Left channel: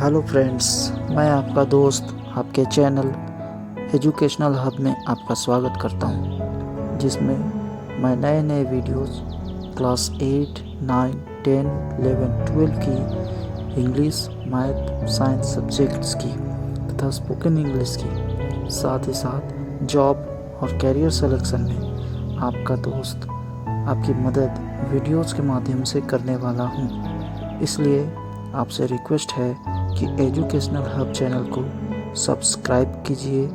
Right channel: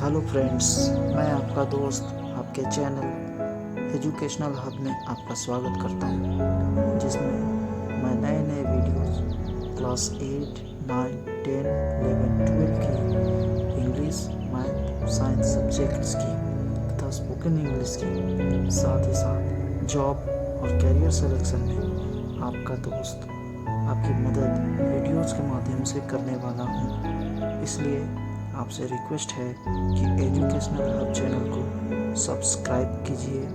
Hello friends, मैं आपका दोस्त आपके चैनल एजुकेशनल हब में आपका स्वागत करता हूं, जिसमें मैं नए नए वीडियोस क्लास 8, 9, 10, 11, 12 की इंग्लिश, मैथ, साइंस सब्जेक्ट्स की तथा स्पोकन इंग्लिश की, साथ ही साथ जॉब और कैरियर सिलेक्शन में आपका दोस्त आपकी मदद वीडियोस के माध्यम से करने वाला हूं। इसलिए आपसे रिक्वेस्ट है कि एजुकेशनल हब चैनल को सब्सक्राइब कीजिए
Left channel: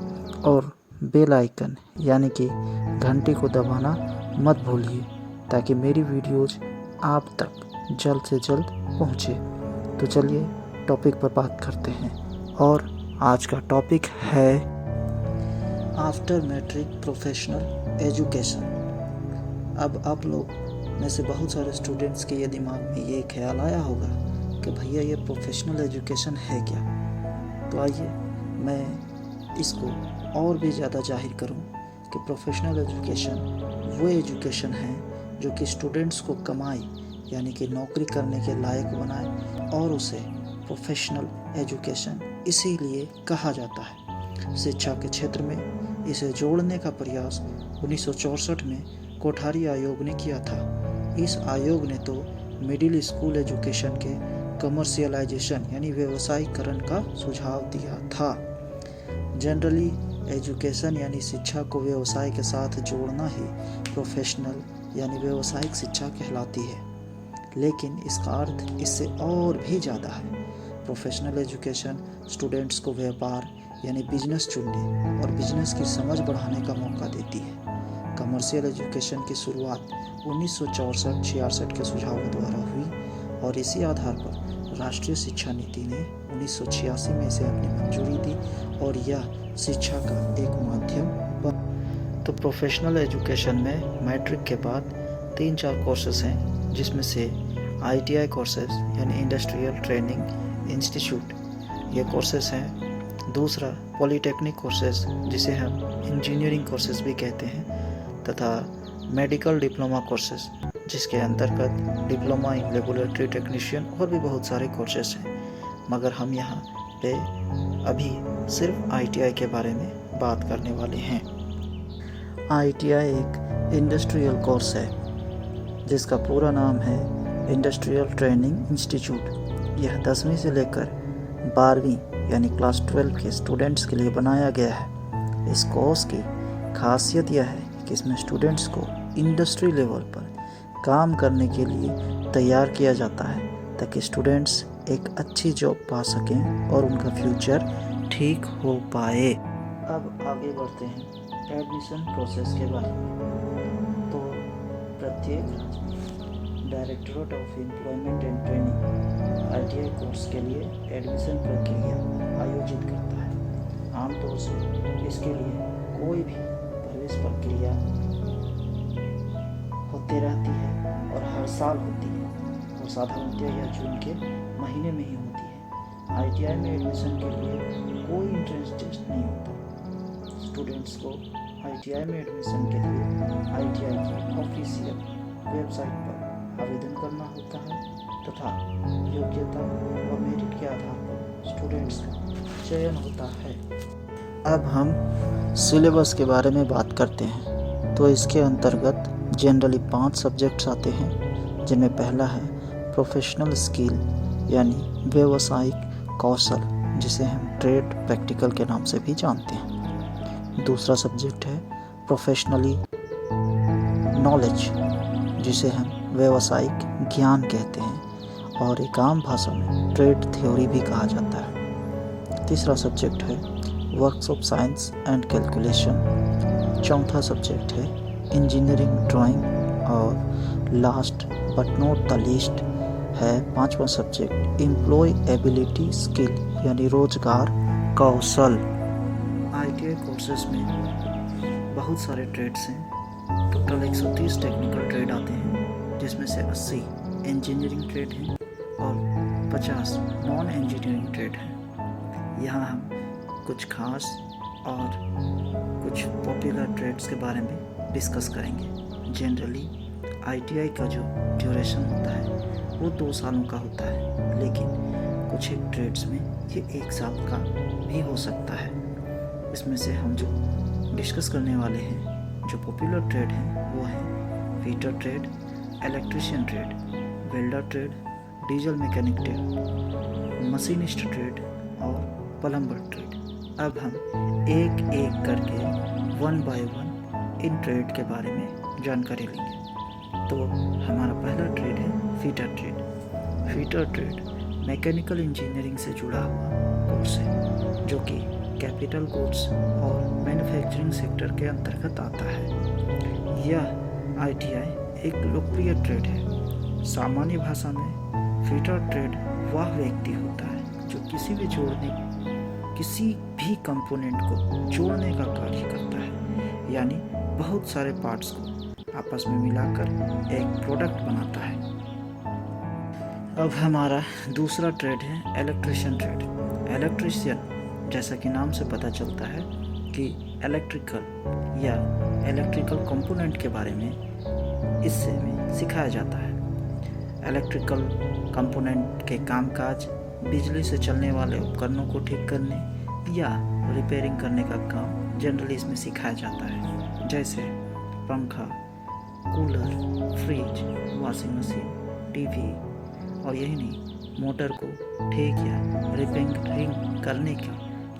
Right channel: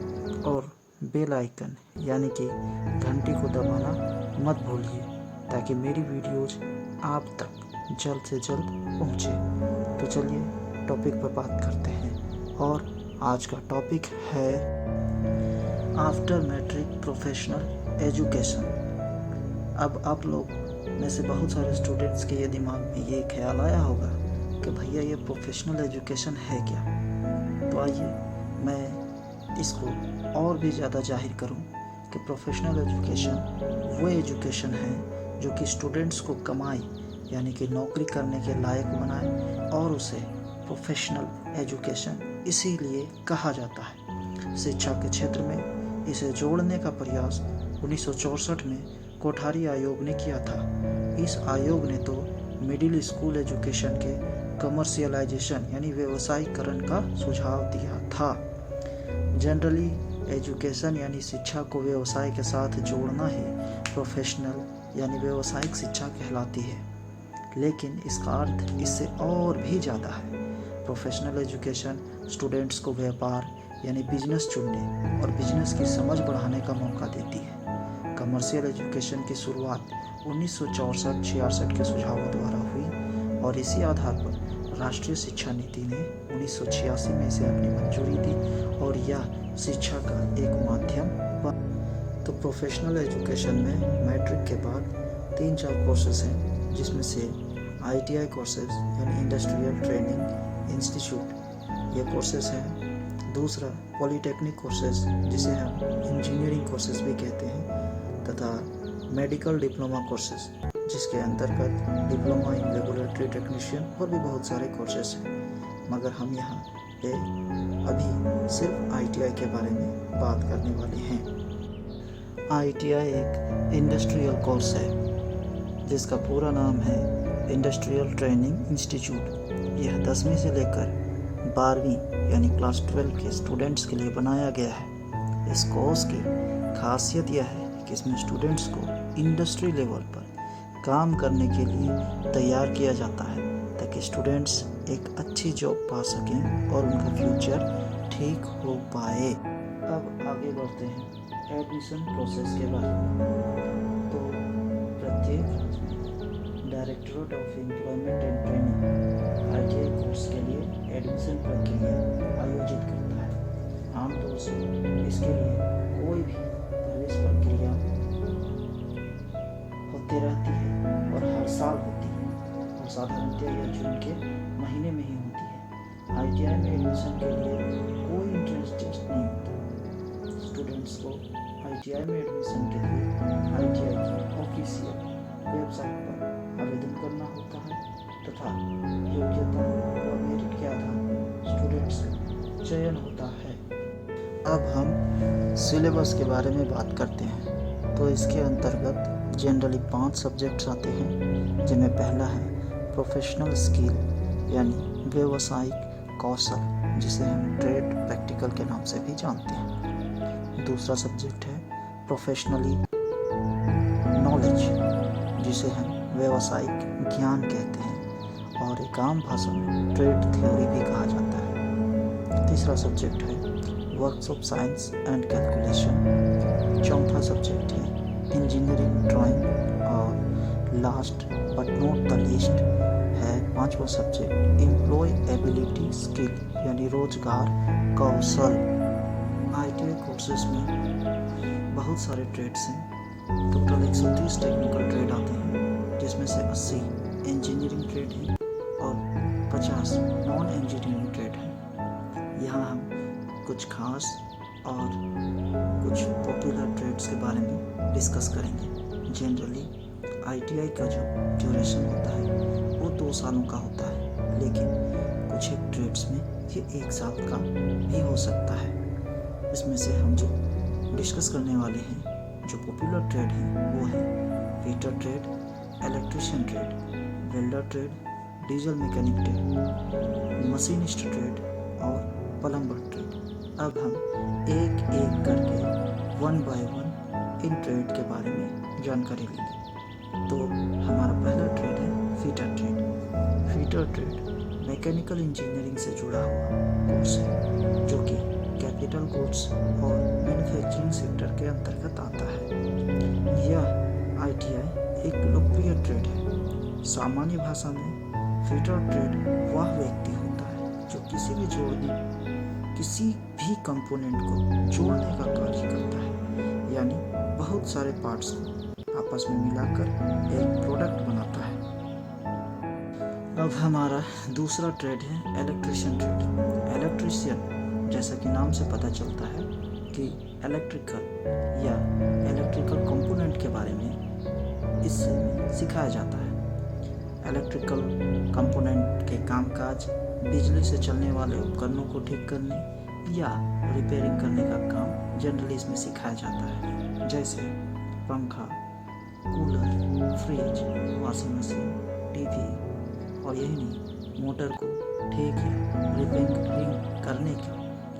और बेल आइकन यानी कि घंटी को दबाना मत भूलिए, ताकि मेरी वीडियोज़ आप तक जल्द से जल्द पहुँचे। तो चलिए टॉपिक पर बात करते हैं, और आज का टॉपिक है आफ्टर मैट्रिक प्रोफेशनल एजुकेशन। अब आप लोग में से बहुत सारे स्टूडेंट्स के ये दिमाग में ये ख्याल आया होगा कि भैया ये प्रोफेशनल एजुकेशन है क्या। तो आइए मैं इसको और भी ज़्यादा जाहिर करूं कि प्रोफेशनल एजुकेशन वो एजुकेशन है जो कि स्टूडेंट्स को कमाई यानी कि नौकरी करने के लायक बनाए, और उसे प्रोफेशनल एजुकेशन इसीलिए कहा जाता है। शिक्षा के क्षेत्र में इसे जोड़ने का प्रयास 1964 में कोठारी आयोग ने किया था। इस आयोग ने तो मिडिल स्कूल एजुकेशन के कमर्शियलाइजेशन यानी व्यवसायीकरण का सुझाव दिया था। जनरली एजुकेशन यानी शिक्षा को व्यवसाय के साथ जोड़ना ही प्रोफेशनल यानी व्यवसायिक शिक्षा कहलाती है, लेकिन इसका अर्थ इससे और भी ज़्यादा है। प्रोफेशनल एजुकेशन स्टूडेंट्स को व्यापार यानी बिजनेस चुनने और बिजनेस की समझ बढ़ाने का मौका देती है। कमर्शियल एजुकेशन की शुरुआत 1964-66 के सुझावों द्वारा हुई, और इसी आधार पर राष्ट्रीय शिक्षा नीति ने 1986 में इसे अपनी मंजूरी दी, और यह शिक्षा का एक माध्यम बना। तो प्रोफेशनल एजुकेशन में मैट्रिक के बाद 3-4 कोर्सेज हैं, जिसमें से ITI कोर्सेज यानी इंडस्ट्रियल ट्रेनिंग इंस्टीट्यूट ये कोर्सेज हैं। दूसरा पॉलीटेक्निक कोर्सेज जिसे हम इंजीनियरिंग कोर्सेज भी कहते हैं, तथा मेडिकल डिप्लोमा कोर्सेज जिसके अंतर्गत डिप्लोमा इन लेबोरेटरी टेक्नीशियन और भी बहुत सारे कोर्सेज हैं। मगर हम यहाँ पे अभी सिर्फ ITI के बारे में बात करने वाले हैं। ITI एक इंडस्ट्रियल कोर्स है जिसका पूरा नाम है इंडस्ट्रियल ट्रेनिंग इंस्टीट्यूट। यह 10वीं से लेकर 12वीं यानी क्लास 12 के स्टूडेंट्स के लिए बनाया गया है। इस कोर्स की खासियत यह है कि इसमें स्टूडेंट्स को इंडस्ट्री लेवल पर काम करने के लिए तैयार किया जाता है, ताकि स्टूडेंट्स एक अच्छी जॉब पा सकें और उनका फ्यूचर ठीक हो पाए। अब आगे बढ़ते हैं एडमिशन प्रोसेस के बारे में। तो प्रत्येक राज्य में directorate of employment and training ITI course के लिए एडमिशन प्रक्रिया आयोजित करता है। आमतौर से इसके लिए कोई भी प्रवेश प्रक्रिया होती रहती है और हर साल होती है, और साधारणतः यह जून के महीने में ही होती है। ITI में एडमिशन के लिए कोई एंट्रेंस टेस्ट नहीं होता। स्टूडेंट्स को ITI में एडमिशन के लिए ITI की ऑफिशियल वेबसाइट पर आवेदन करना होता है, तथा योग्यता और मेरिट के आधार पर स्टूडेंट्स का चयन होता है। अब हम सिलेबस के बारे में बात करते हैं। तो इसके अंतर्गत जनरली 5 सब्जेक्ट्स आते हैं, जिनमें पहला है प्रोफेशनल स्किल यानी व्यवसायिक कौशल, जिसे हम ट्रेड प्रैक्टिकल के नाम से भी जानते हैं। दूसरा सब्जेक्ट है प्रोफेशनली नॉलेज, जिसे हम व्यवसायिक ज्ञान कहते हैं, और एक आम भाषा में ट्रेड थ्योरी भी कहा जाता है। तीसरा सब्जेक्ट है works of science and calculation. चौथा सब्जेक्ट है इंजीनियरिंग ड्राइंग, और last but not the least है 5वां सब्जेक्ट एम्प्लॉय एबिलिटी स्किल यानी रोजगार कौशल। ITI कोर्सेज में बहुत सारे ट्रेड्स हैं। टोटल 130 टेक्निकल ट्रेड आते हैं, जिसमें से 80 इंजीनियरिंग ट्रेड हैं और 50 नॉन इंजीनियरिंग ट्रेड हैं। यहाँ हम कुछ खास और कुछ पॉपुलर ट्रेड्स के बारे में डिस्कस करेंगे। जनरली ITI का जो ड्यूरेशन होता है वो 2 सालों का होता है, लेकिन कुछ एक ट्रेड्स में ये 1 साल का भी हो सकता है। इसमें से हम जो डिस्कस करने वाले हैं, जो पॉपुलर ट्रेड हैं, वो है fitter trade, electrician trade, welder trade, diesel mechanic trade, machinist trade और प्लम्बर ट्रेड। अब हम एक एक करके 1 बाय 1 इन ट्रेड के बारे में जानकारी लेंगे। तो हमारा पहला ट्रेड है fitter trade. Fitter trade mechanical engineering से जुड़ा हुआ कोर्स है, जो कि कैपिटल गुड्स और मैन्युफैक्चरिंग सेक्टर के अंतर्गत आता है। यह ITI एक लोकप्रिय ट्रेड है। सामान्य भाषा में फिटर ट्रेड वह व्यक्ति होता है जो किसी भी कंपोनेंट को जोड़ने का कार्य करता है, यानी बहुत सारे पार्ट्स को आपस में मिलाकर एक प्रोडक्ट बनाता है। अब हमारा दूसरा ट्रेड है इलेक्ट्रिशियन ट्रेड। इलेक्ट्रिशियन, जैसा कि नाम से पता चलता है कि इलेक्ट्रिकल कंपोनेंट के बारे में इससे में सिखाया जाता है। इलेक्ट्रिकल कंपोनेंट के कामकाज, बिजली से चलने वाले उपकरणों को ठीक करने या रिपेयरिंग करने का काम जनरली इसमें सिखाया जाता है, जैसे पंखा, cooler, fridge, washing machine, TV और यही नहीं, मोटर को ठीक या रिपेयरिंग करने का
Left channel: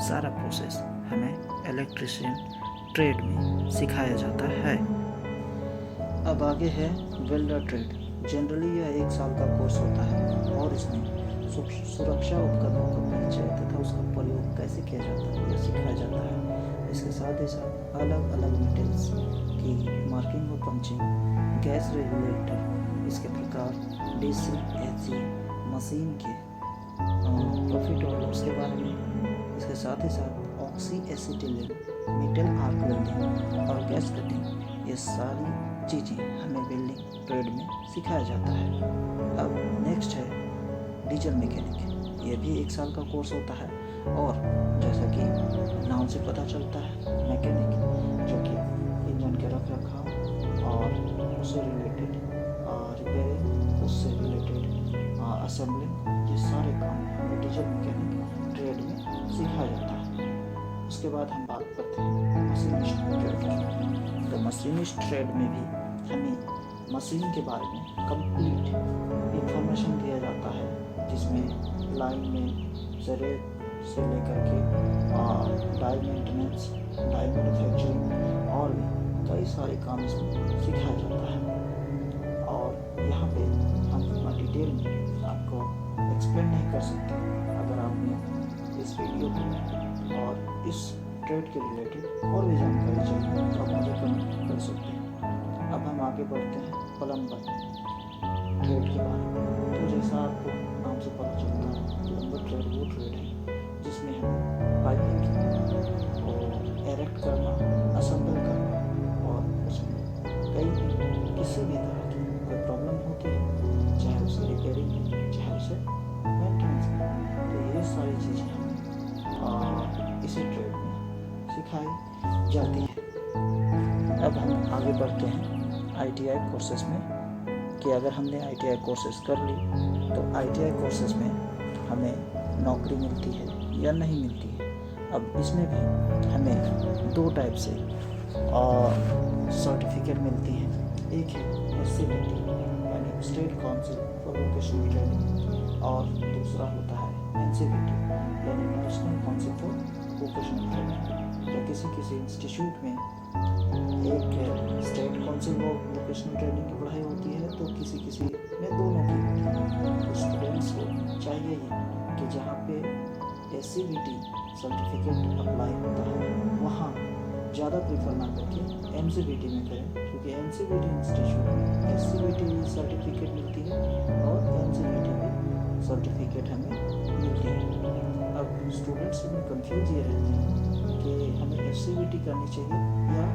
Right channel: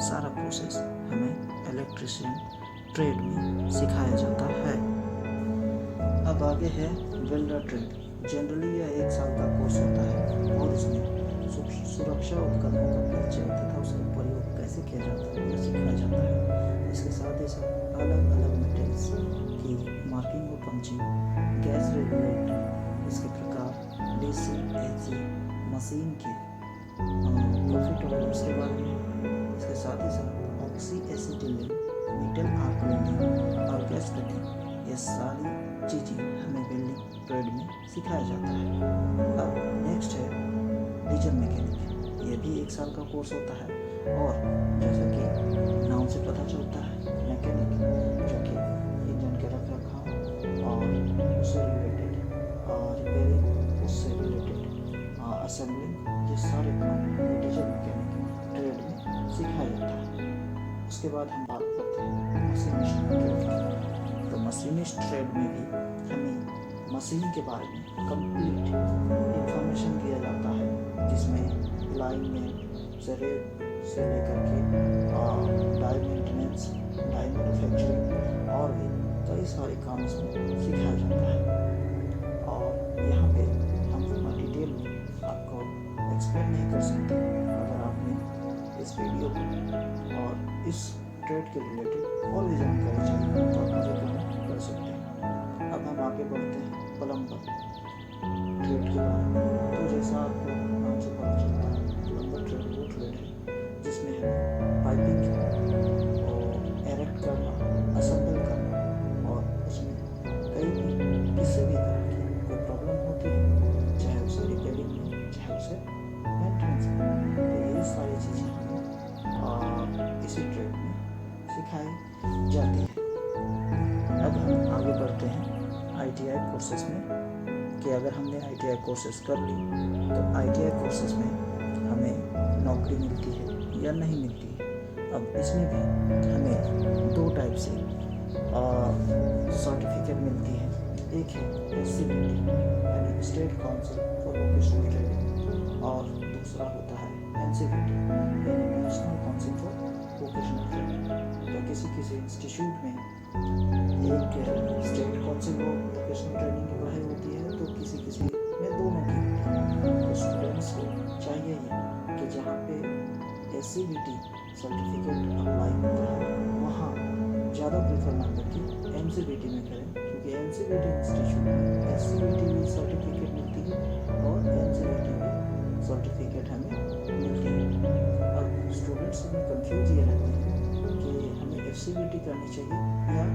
सारा प्रोसेस हमें इलेक्ट्रिशियन ट्रेड में सिखाया जाता है। अब आगे है वेल्डर ट्रेड। जनरली यह 1 साल का कोर्स होता है और इसमें सुरक्षा उपकरणों का परिचय तथा उसका प्रयोग कैसे किया जाता है यह सिखाया जाता है। इसके साथ ही साथ अलग अलग मेटल्स की मार्किंग और पंचिंग, गैस रेगुलेटर, इसके प्रकार, DC, AC, मशीन के प्रॉफिट और लॉस के बारे में, इसके साथ ही साथ oxy acetylene, metal arc welding और गैस कटिंग, ये सारी चीज़ें हमें वेल्डिंग ट्रेड में सिखाया जाता है। अब नेक्स्ट है डीजल मैकेनिक। ये भी 1 साल का कोर्स होता है और जैसा कि नाम से पता चलता है, मैकेनिक जो कि इंजन के रखरखाव और उससे रिलेटेड रिपेयरिंग, उससे रिलेटेड असेंबलिंग, ये सारे काम हमें डीजल मैकेनिक ट्रेड में सिखाया जाता है। उसके बाद हम बात करते हैं मशीनिस्ट ट्रेड की। तो मशीनिस्ट ट्रेड में भी हमें मशीन के बारे में कंप्लीट इंफॉर्मेशन दिया जाता है, जिसमें लाइन में से लेकर के डाई मेंटेनेंस, डाई मैन्युफैक्चरिंग और भी कई सारे काम इसमें सिखाया जाता है। और यहाँ पे हम इतना डिटेल में आपको एक्सप्लेन नहीं कर सकते। अगर आपने इस वीडियो को और इस ट्रेड के रिलेटेड और भी जानकारी चाहिए तो आप मुझे कमेंट कर सकते हैं। अब हम आगे बढ़ते हैं प्लम्बर ट्रेड के बारे में। तो जैसा आपको नाम से पता चलता है, प्लम्बर ट्रेड वो ट्रेड है जिसमें हमें पाइपिंग और एरेक्ट करना, असेंबल करना और उसमें किसी भी तरह की कोई प्रॉब्लम होती है, चाहे उसे रिपेयरिंग में, चाहे उसे मेंटेनेंस में, तो ये सारी चीज़ें हमें इसी ट्रेड में सिखाई जाती है। अब हम आगे बढ़ते हैं ITI कोर्सेज में कि अगर हमने ITI कोर्सेज कर ली तो ITI कोर्सेज में हमें नौकरी मिलती है या नहीं मिलती है। अब इसमें भी हमें 2 टाइप से सर्टिफिकेट मिलती है। एक है SCVT यानी state council for vocational training और दूसरा होता है NCVT यानी national council for vocational training. तो किसी इंस्टीट्यूट में एक state council for vocational training की पढ़ाई होती है, तो किसी में दोनों की होती है। तो स्टूडेंट्स को चाहिए ही कि जहाँ पे SCVT सर्टिफिकेट अप्लाई होता है वहाँ ज़्यादा प्रीफर ना करके MCVT में करें, क्योंकि MCVT इंस्टीट्यूट में SCVT सर्टिफिकेट मिलती है और NCVT भी सर्टिफिकेट हमें मिलती है। अब स्टूडेंट्स में कंफ्यूज ये रहते हैं कि हमें SCVT करनी चाहिए या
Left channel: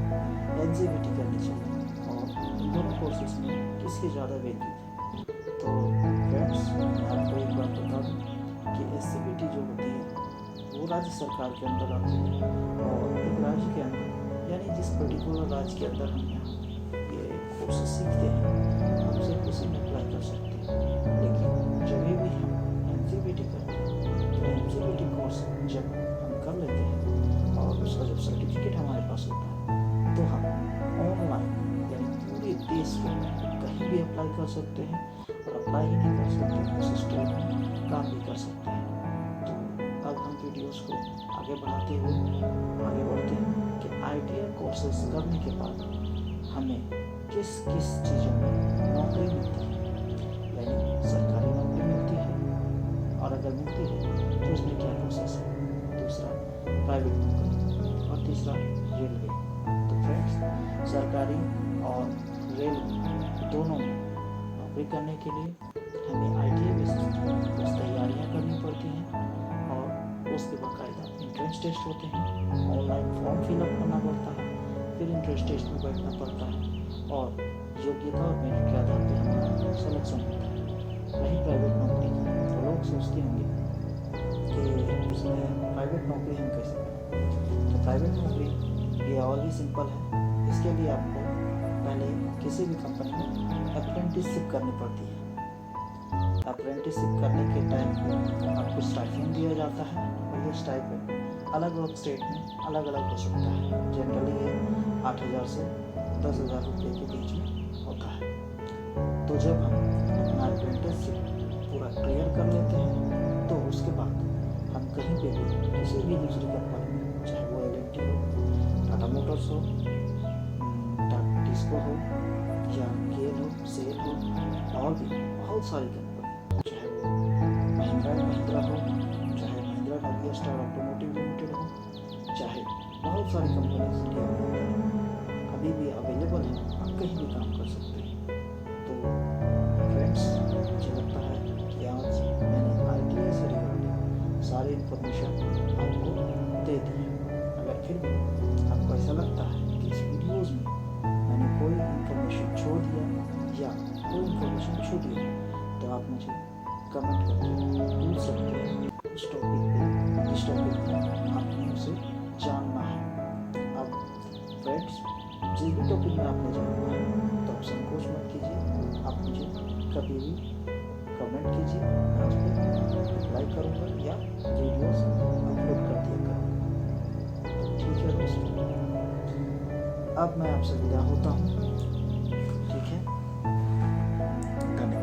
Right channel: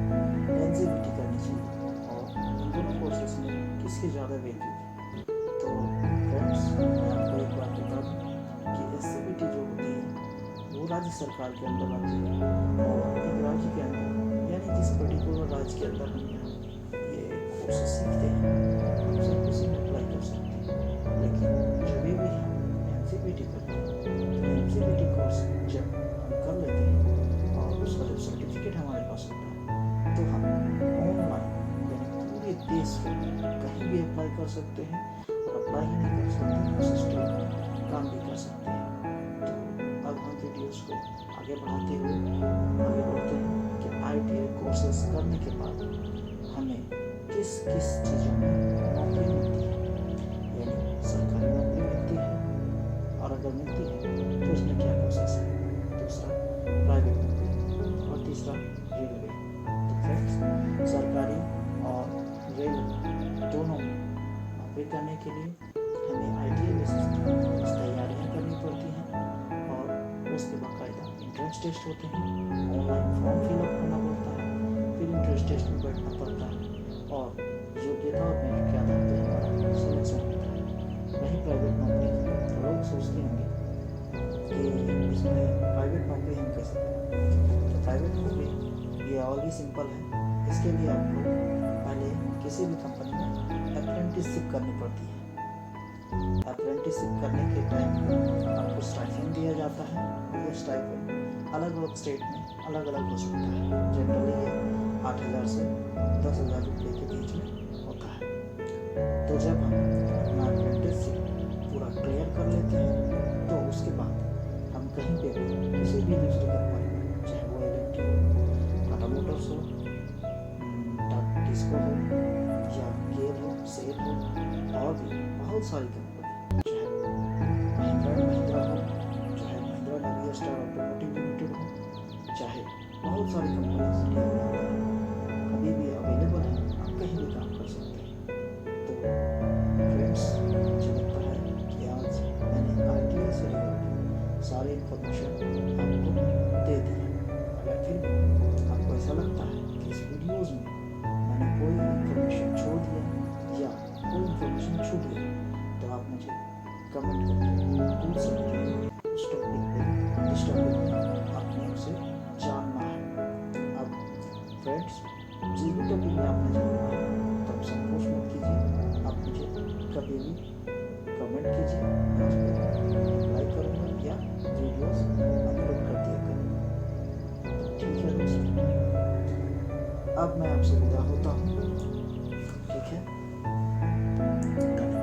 NCVT करनी चाहिए और इन दोनों कोर्सेज में किसकी ज़्यादा वैल्यू है। तो फ्रेंड्स, मैं आपको एक बात बता दूँ कि SCVT जो होती है वो राज्य सरकार के अंदर आती है और एक राज्य के अंदर यानी जिस पर्टिकुलर राज्य के अंदर हम यहाँ ये कोर्सेज सीखते हैं हम सिर्फ उसी में अप्लाई कर सकते हैं। लेकिन जब भी हम NCVT करते हैं तो एग्जीक्यूटिव कोर्स जब हम कर लेते हैं और उसका जब सर्टिफिकेट हमारे पास होता है तो हम ऑनलाइन यानी पूरे देश में कहीं भी अप्लाई कर सकते हैं और अप्लाई ही नहीं कर सकते उस स्टेट में काम भी कर सकते हैं। तो अब हम वीडियोस को आगे बढ़ाते हुए आगे बढ़ते हैं कि ITI कोर्सेज करने के बाद हमें किस किस चीज़ों में नौकरी मिलती है, यानी सरकारी नौकरी मिलती है और अगर मिलती है तो उसमें क्या प्रोसेस है, दूसरा प्राइवेट नौकरी और तीसरा रेलवे। तो फ्रेंड्स, सरकारी और रेलवे दोनों में नौकरी करने के लिए हमें ITI बेसिस पर कुछ तैयारियाँ करनी पड़ती हैं और उसके बाकायदा एंट्रेंस टेस्ट होते हैं, ऑनलाइन फॉर्म फिलअप करना पड़ता है, फिर एंट्रेंस टेस्ट में बैठना पड़ता है और योग्यता और मेरिट के आधार पर हमारा सिलेक्शन होता है। वही प्राइवेट नौकरी, तो लोग सोचते होंगे कि इसमें प्राइवेट नौकरी हम कैसे करें। तो प्राइवेट नौकरी ये और भी सिंपल है। इसके लिए आपको पहले किसी भी कंपनी में अप्रेंटिसशिप करनी पड़ती है। अप्रेंटिसशिप करने के टाइम पे आपको स्टाइपेंड दिया जाता है और ये स्टाइपेंड अलग अलग स्टेट में अलग अलग हो सकता है। जनरली ये 8,000 से 10,000 रुपये के बीच में होता है। तो जब हम अपना अप्रेंटिसशिप पूरा क्लियर कर लेते हैं तो उसके बाद हम कहीं पे भी किसी भी दूसरी कंपनी में, चाहे वो L&T हो, टाटा मोटर्स हो, टाटा टिस्को हो या गेल हो, सेल हो, और भी बहुत सारी कंपनी, चाहे वो महिंद्रा एंड महिंद्रा हो, चाहे महिंद्रा नवी स्टार ऑटोमोटिव लिमिटेड हो, चाहे बहुत सारी कंपनीज इंडिया में अभी भी अवेलेबल हैं, आप कहीं भी काम कर सकते हैं। तो फ्रेंड्स, मुझे लगता है कि आज मैंने ITI से रिलेटेड सारी इन्फॉर्मेशन आपको दे दी है। अगर फिर भी आपको ऐसा लगता है कि इस वीडियोज़ में मैंने कोई इन्फॉर्मेशन छोड़ दिया या कोई इन्फॉर्मेशन छूट गई तो आप मुझे कमेंट करके पूछ सकते हैं उस टॉपिक पे जिस टॉपिक में आपने उसे जानना है। अब फ्रेंड्स, जिस भी टॉपिक में आपने जानना है तो आप संकोच मत कीजिए, आप मुझे कभी भी कमेंट कीजिए, मैं उस पर रिप्लाई करूँगा या वीडियोस अपलोड कर दिया करूँगा। ठीक है दोस्तों, अब मैं आपसे विदा होता हूँ। ठीक है, धन्यवाद।